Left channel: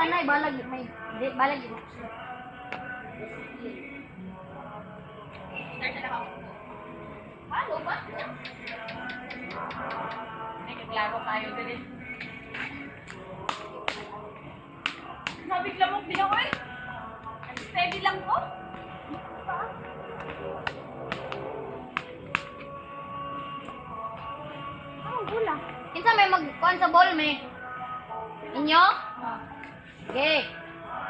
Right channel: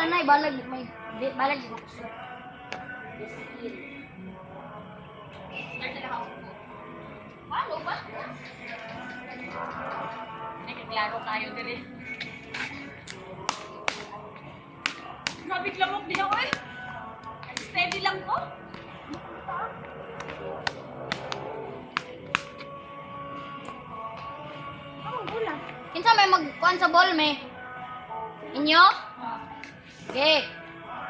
nanay, balag may balag. Paano ba? Nagkaklaro tayo dali. Mabigla mo din ako eh. Steady lang ko. Wala. Kinsa may magkuhan sa ball, me? Inyo? Okay.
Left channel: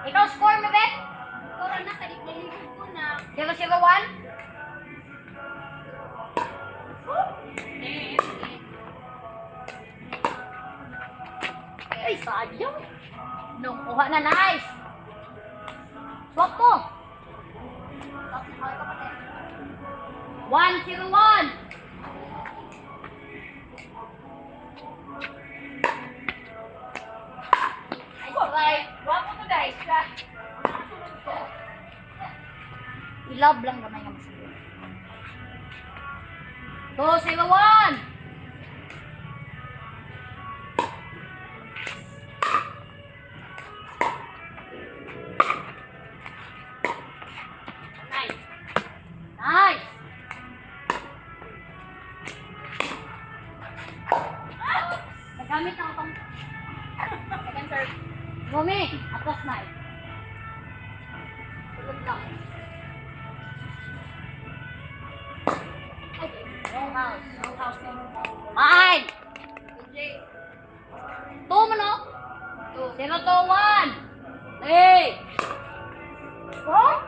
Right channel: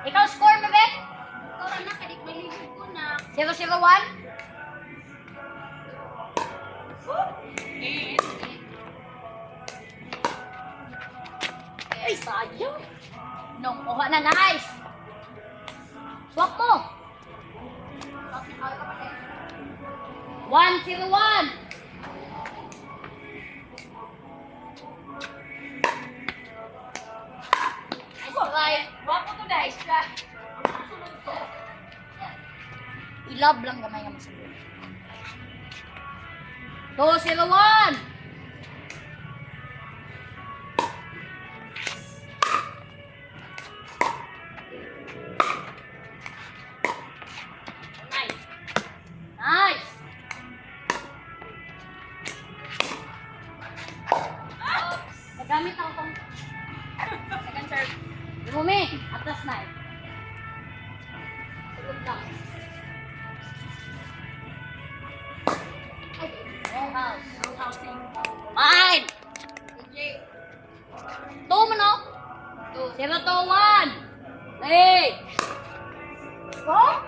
Ikaw score mo, Bek? Ikaw lang na, kadik-nalibig ko na. 0-0-1? Yes. Ay, sayang. Nung kuha na, nice. Swap mo. 1-0-1. Right. Wapo to guys. Sunod ko. I-love lang gamay naman sa buhay. 2-0-1. Nice. Nice. Nagamit ako pang Second serve. Bumi, atas na eh. Tulog lang. Ay, wrong house. No housing. Mine! AJ. 2 mo no? 2. 0-1. Hey! Oh?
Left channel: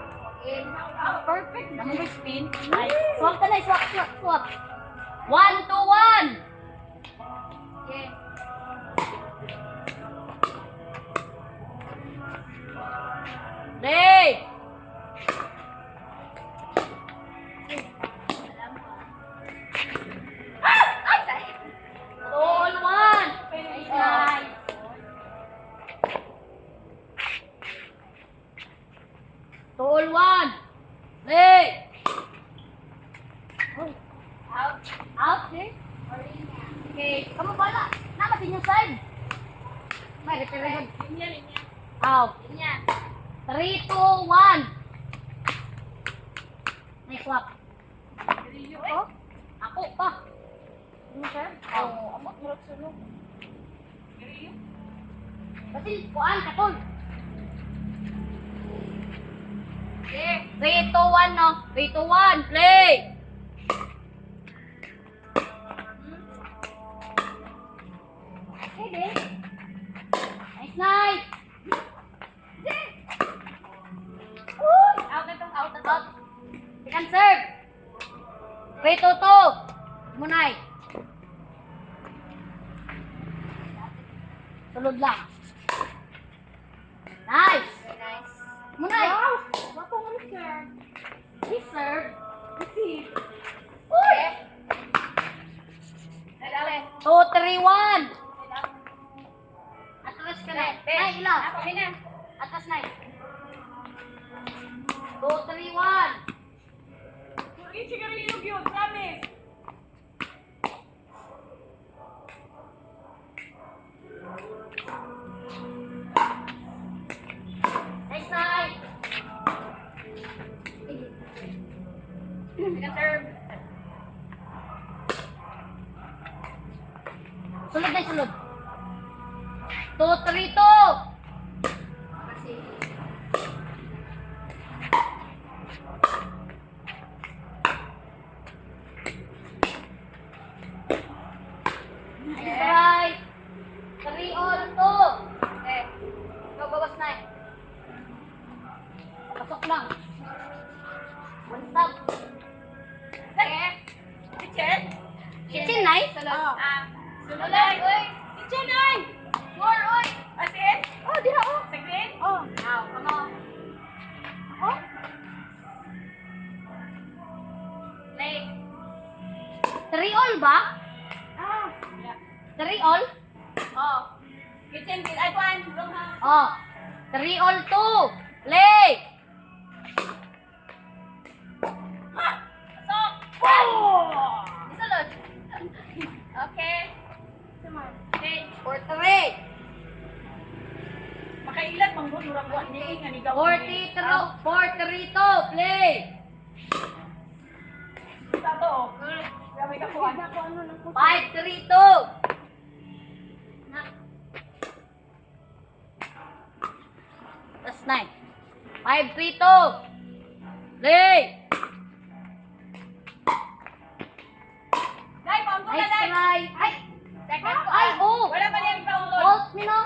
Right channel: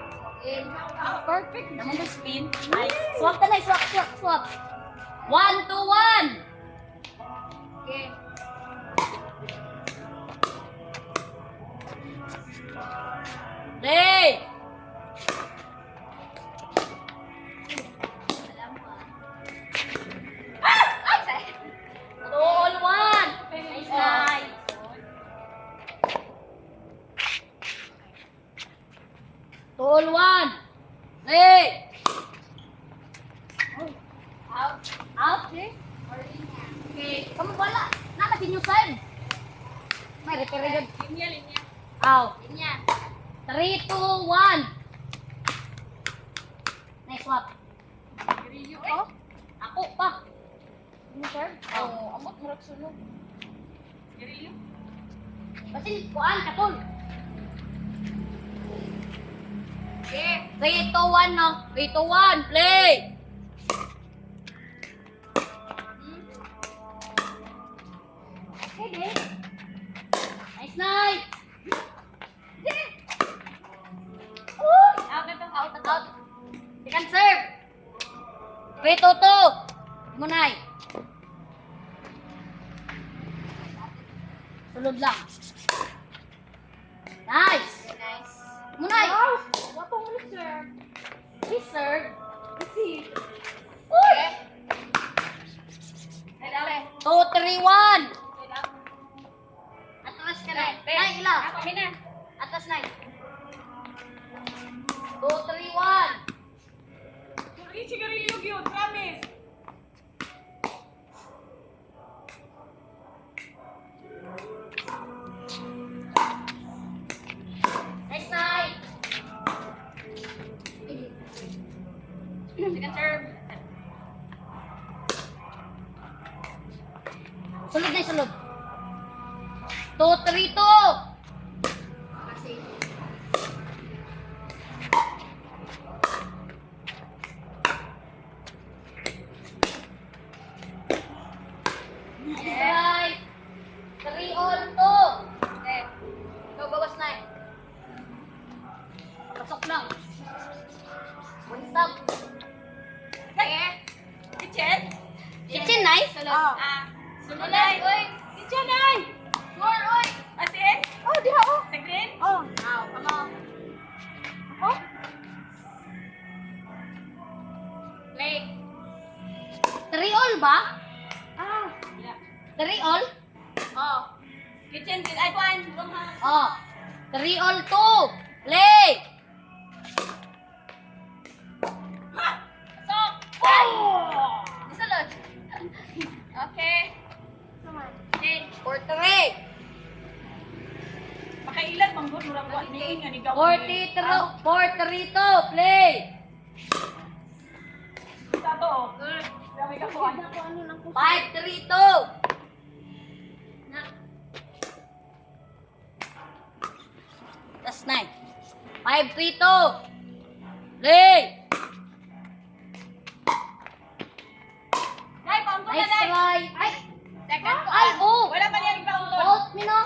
Perfect. Naman may spin. Nice. Swap ka na, swap. 1-1. Okay. Hey! Alam mo ah. Ay, say. 2-1. Nice. Nice. 2-1. Hey! Out. Out, eh? Okay, kamu bala. Nalapin yung side. May repair. Linya. Out. Linya. 3, 2, 1. Nice swap. Grillo Oh, ako pa. Ano sir? Oh, amot murag sunog. Grillo. kasi kuan katol. Okay. 3, 2, 1, no? 3, 2, 1, play! Pwede. Nice, nice! Uy! Out na to. Out. Out. Second serve. 3, 2, 2. Munay. Sulod lang. Nice! Nice. Munay! Wapo mo sir. He serve. Kasi. Uy! Dalawe. 2, 3, 1. Atras ka na. Nay, ila. Ako na. Atras na. 2, 3, 1. Puri sigarilyo gyud, promise. Nice night. Second serve. Sulod na, sulod. 2, 3, 2. Kasi. Right. 3 all 2. Okay. Go, bawas na. Pasok lang. One stop. Okay. Kitchen. Kitchen, Nay? Sulod. Sulod ay. Uy. Kitchen ay. More oy. Asin? Oh, diha, oh. Sa green? Oh. Now, come on. Oh. Play. 3 all ba? Yeah. 3 all? Oh. Kitchen, ay kuan. Long ha. Oh. 3 all 2. Play. Ha! Pasok! Oh! Isulod. Okay. Okay. 4, 3. Makain ilan mang doon murang wa ni nga ni gawa. 4-3-2, play! Tato. Grabe ka kuan. 5-3-2! Tas 9. 5-3-2! Play! Nay, paunto na Nice nay. try! Ay! Second ko. Ay, oh! Wala pa yan paunto. Fault me, no?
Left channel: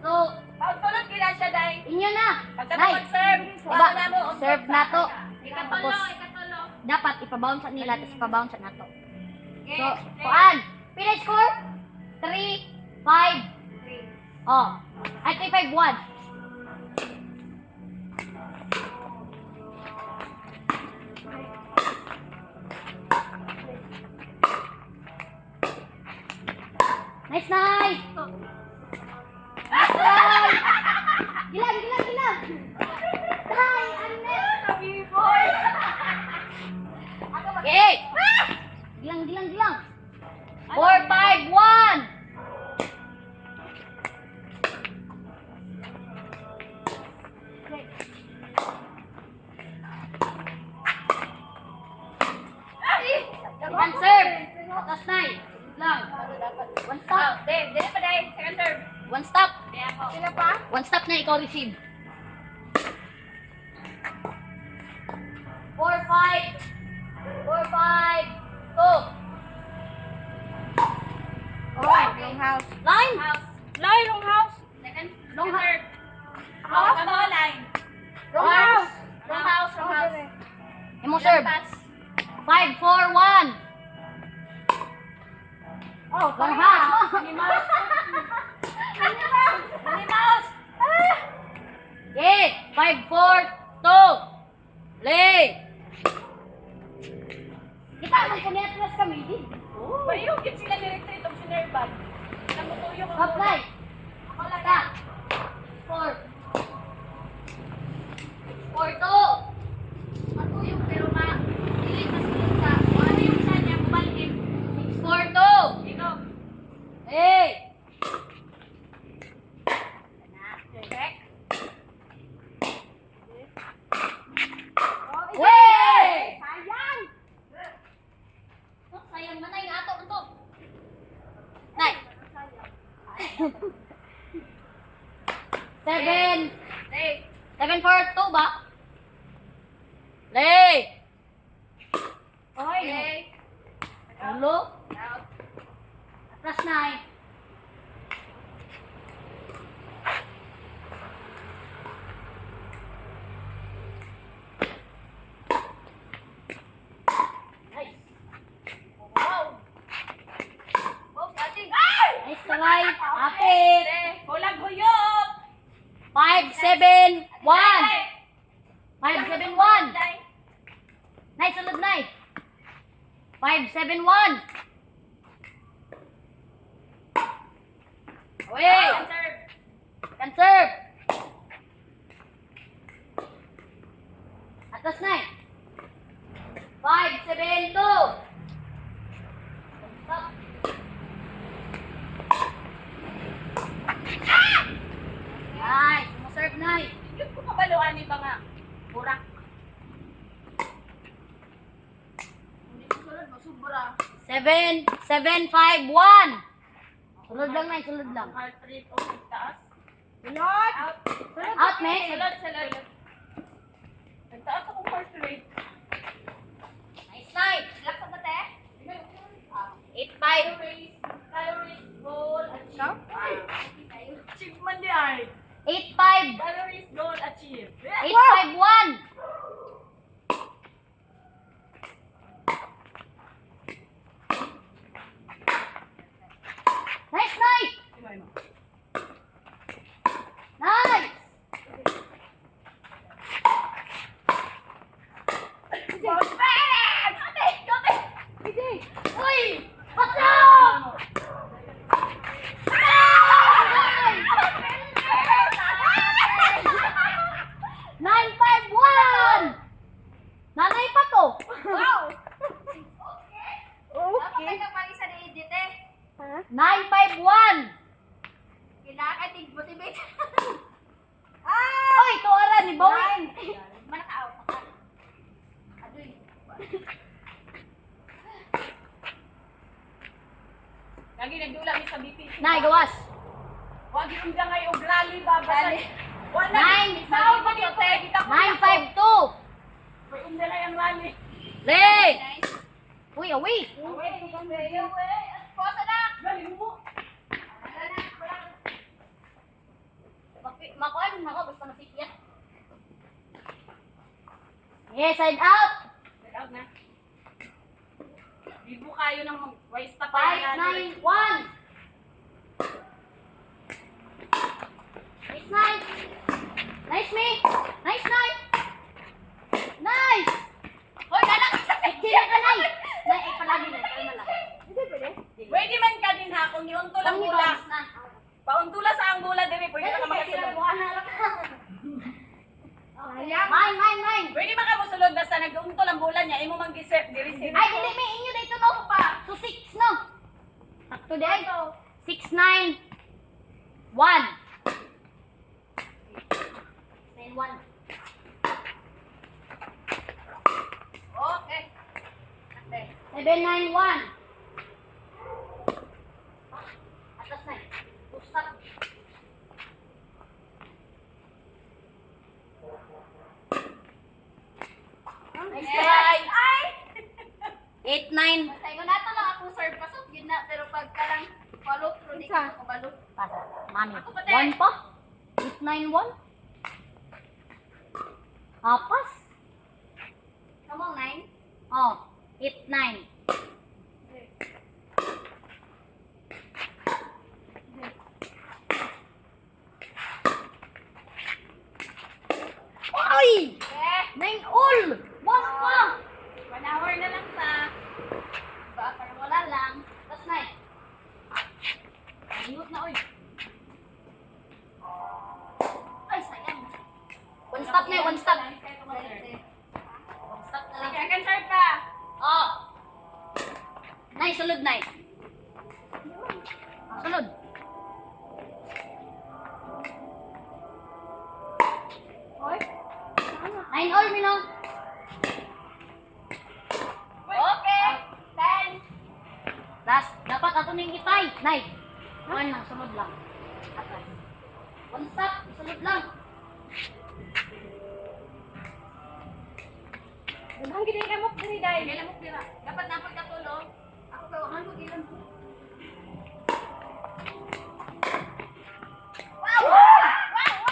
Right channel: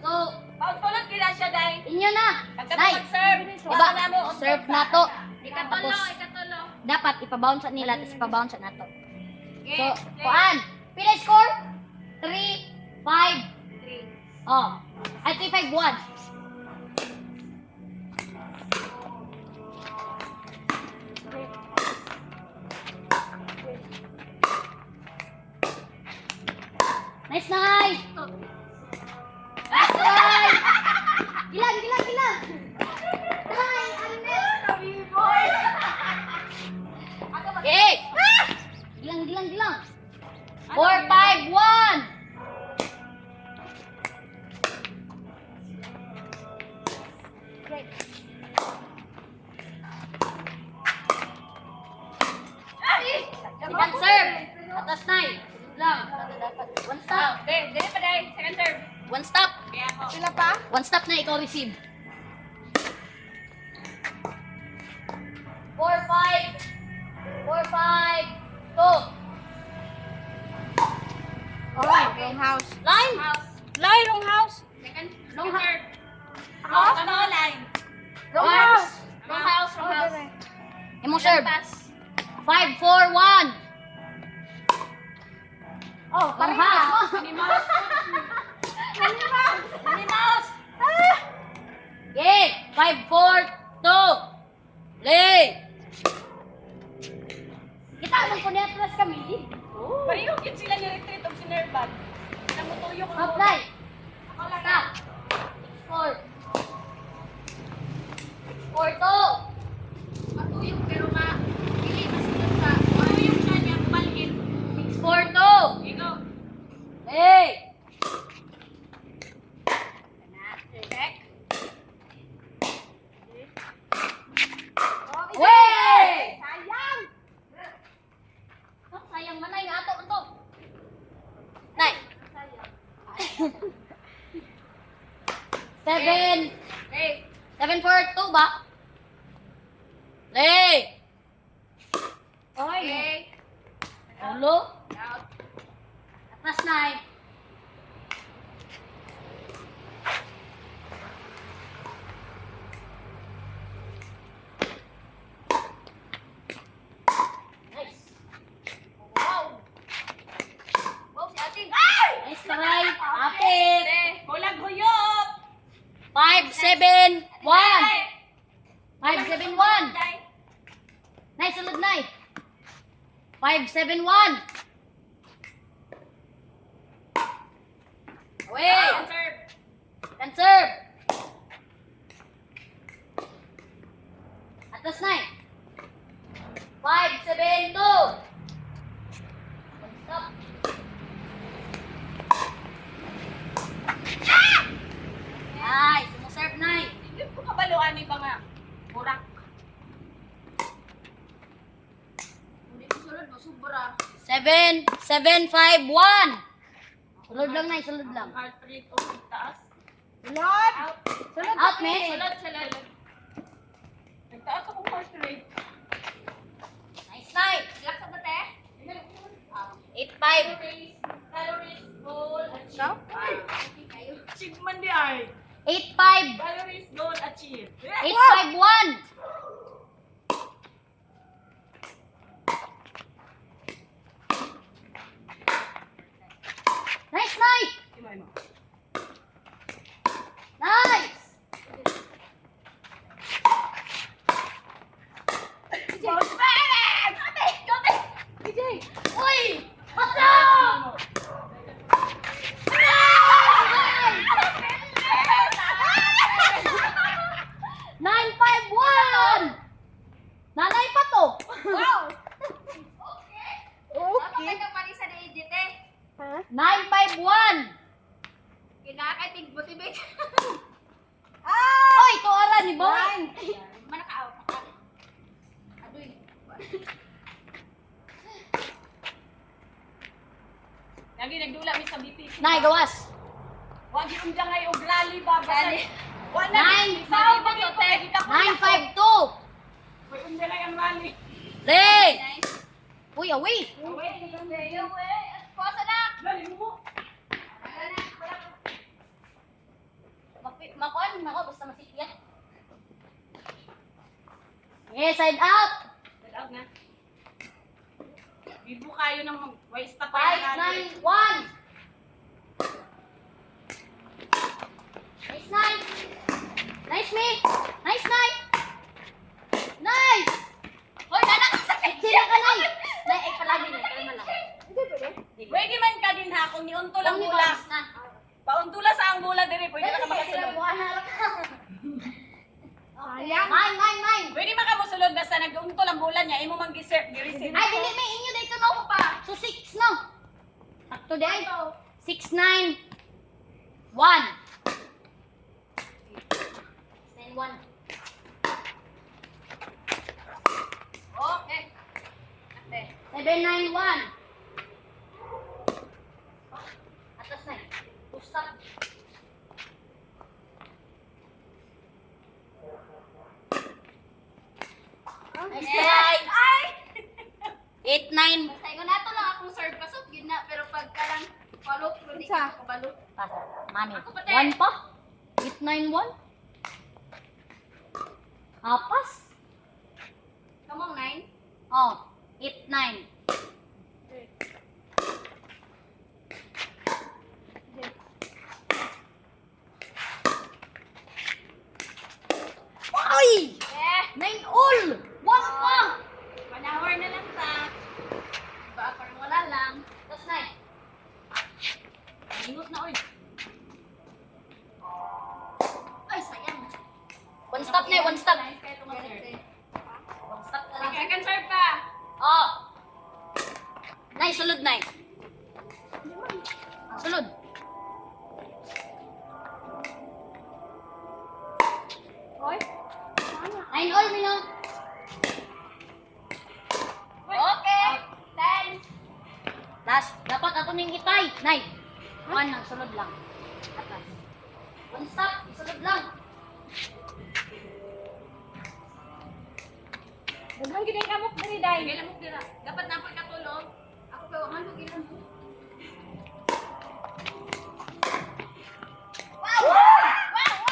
So, Paunto lang kila siya day. inyo na! Pagka Nay! mag-serve, Iba, wala na mo. serve na to. Ikatulo, Tapos, ikatulo. dapat ipabounce nila, tapos ipabounce na to. Okay. So, kuan. Pila score? 3, 5. 3. Oh. Ay, 3, 5, 1. Nice, nice. Nice try. Gilang, gilang, gilang. Try, Agnes. Kami boy. Okay. Gilang, gilang, gilang. 4, 5, 1. Second serve. Atas na eh. Lang. One stop. Dili pa day. Second serve. One stop. Kaya ako. Sila pa? One stop na ikaw receive. 4, 5. 4, 5. 2. Oh, wrong house. Line. House. Lay, wrong house. Second. Long Second ha- serve. House. Ano line? Wrong Arms. house. Wrong house. Wrong house. Imo serve. Pass. 5, 4, 1. Oh, Long half. Minnie Mouse. Minnie Mouse. Okay. 5, 4, 2. Play. Kita mo ko netras kami. Bayong yun sila ni-retreat og sinerban. Namutuyo ko. Apply. Ako lang. Stop. 4. 4, 2. Matuyog pero dili masunod sa matuyog na niya bubalhin. 4, 2. Ikaw. Hey. Check. Wey! Sayang. Oh, sayang manay nga ato unto. Nay. 7. Hey. 7, 4, 2 ba? Play. Okay. Ulo. Out. Atras nay. Nice. Wow. Wow, si ating. Ay! Nice try. Apit. Kulang huyop. 5, 7, 1. 5, 7, 1. Nay, sulod nay. 5, 7, 1. Away. Answer. Can serve. Atas nay. 5, 7, 2. Stop. Nice. Serve nay. Hindi ko kabaluan ni ba nga. Burak. Hindi ko sulod mo, sobra. 7, 7, 5, 1. Sulod lang nay, sulod lang. Heart rate o taas. Sulod. Out. Out, me. Sulod, sulod. Nagtaas akong heart rate. Nice night. Relax sa bate. 8, 5. Calories, goal, achieve. Ikaw? Achieve man di ay. 8, 5. Calories, goal, achieve. 8, 5, 1. Nice night. Imay mo. Nice. Boss parents! Ate! Ate! DJ. Uy! Pasok! 951! Nanay pa to. Wow! Okay. Dapat ka parisa ni Edith eh. Ha? 951. Kinakatig motivate. Oy, tuara ni Boy. Manakaaw. Adoy. Lagi nagdula mi sa BP. Nay, gawas. Wag yung dyan ngay og lali ba basta. Wala. Nine. Sao ba to te? 952. May umdala yung lali. Leg. Uy, awi. Pasa na. Dali mo. Makuan mo ako basta masikya. Okay, side out. Tawag na. Bibo kayo ng waste pa 591. Nice nice. Nice me. Nice nice. Nice. Hoy, nanak. Sila ka nay. Nay, ay palagi na. Kalma lang. Pwede man ka din ha kung niunto lang bulas. na. Pauntula sa ang bola dire, pwede ka makasulod. Mine. Pwede makamusulod basta nag-unto lang bola niya, imo mang gi-serve, gi-receive. Ay, dili may inyo dito no pa. So 6 no. Sakto di ay. 6 9 1. 9 1. Okay. Ate. 7 9 1. Atas na. Pusat. Nice try. Ay! 8 9. Sa inyo nato lang akong serve pasok gid na pero pagka lang follow through di ka ko balo. Pasa. Mami. Ako pa, te. 1 pa. 8 9 1. Apas. Kamong 9. Oh. 8 9. Ay! Eh, 9 all. 1 pa. 1 hour na lang ta. Ba parang wala lang. That's 9. Minut na oy. Ay, sayang. One stop na, one stop. One One stop na lang. Sige, akan serve ka. Oh. Nay, sulod, nay. Sulod. Oy. 9 all, Mino. Okay. 10. Last, dapat ato ning ipay. Nay. One lang, sulod lang. Atas. One stop, sulod lang. Daghang gid ang kamok diri day. Sige lang mo dira. Dapat na ka tulog. Ako kay wahan ko gilan mo. Wow!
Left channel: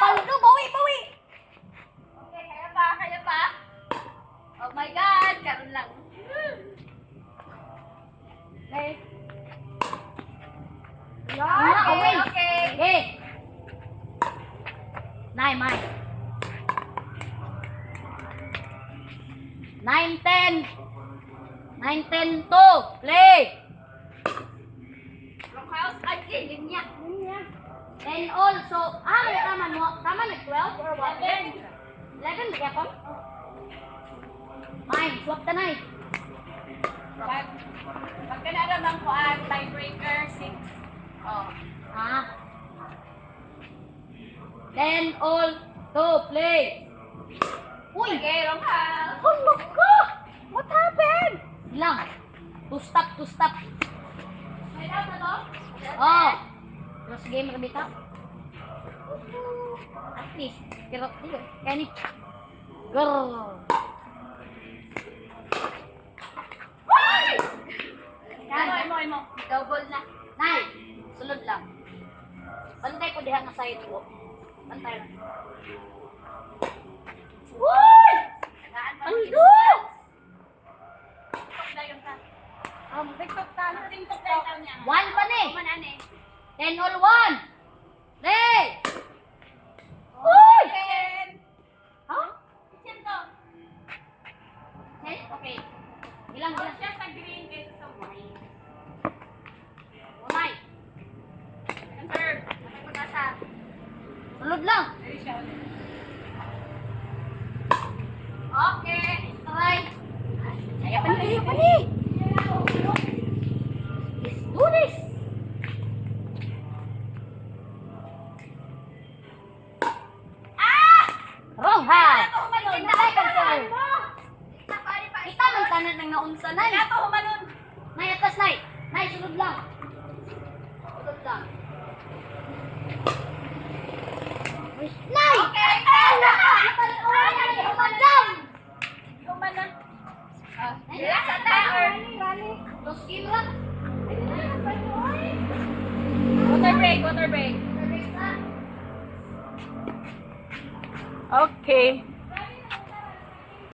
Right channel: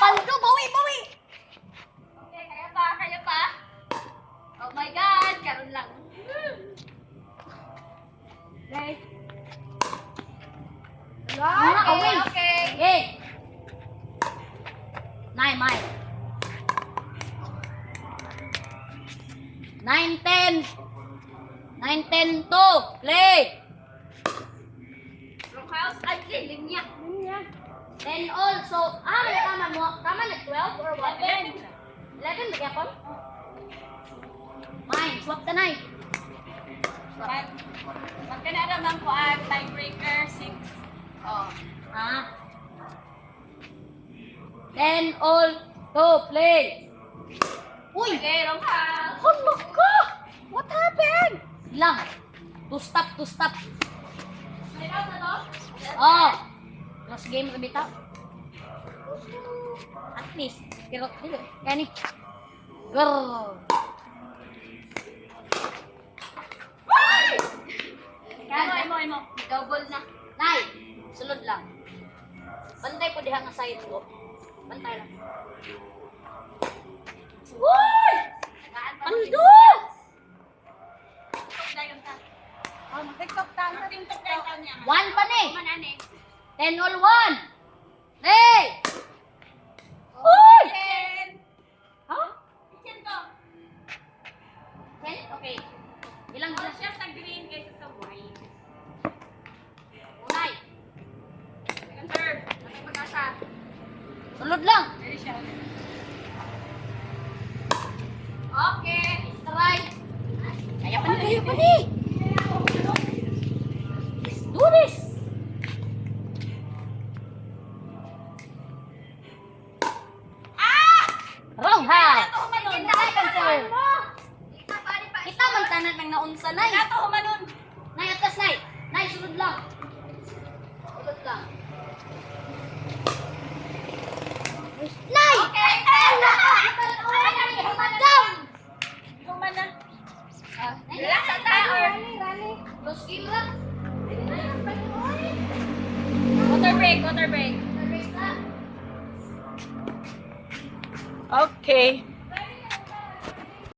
Paldo, bawi, bawi. Okay, kaya pa, kaya pa. Oh my God, karon lang. Day. Mga away. Okay. Okay. Nay, may. 9 10. 9 10 to. Play. Wrong house, ay, linya. 10 all. So, may tama mo. Tama na 12 or what? 11 lagi ako? Mine, swap the night. Pagka naramang ko ang tiebreaker, 6. Oh. Ah. 10 all to play. Uy! Okay, wrong house. Hala ka! What happened? Lang. To stop. May out na to? Oh. Last game na bitaw. At least. Pero, dito. Kaya ni. Grrrr. Imo. Double na. Nay, sulod lang. Bantay ko diha nga side ko. Bantay lang. Uy! Ando! TikTok dayon ta. TikTok ta. TikTok dayon niya. 1 pa ni. Manane. 10 all 1. Hey! Uy! Ha? Kitchen to. 10? Okay. Ilang More ba? siya sa green kaysa sa white. Unay. Second serve. Matay pag-asa. Sulod lang. Ready siya. Okay. Strike. Kaya pa ni. Let's do this. anak nang naunsa, Nay. Nato humanon. Nay, atas, Nay. Nay, sulod lang. Sulod lang. Nay! Okay. Madam! Humanon. Nay, Relax ang tayo. Rally, rally. Dos kilo lang. Water break, water break. Teresa. Okay.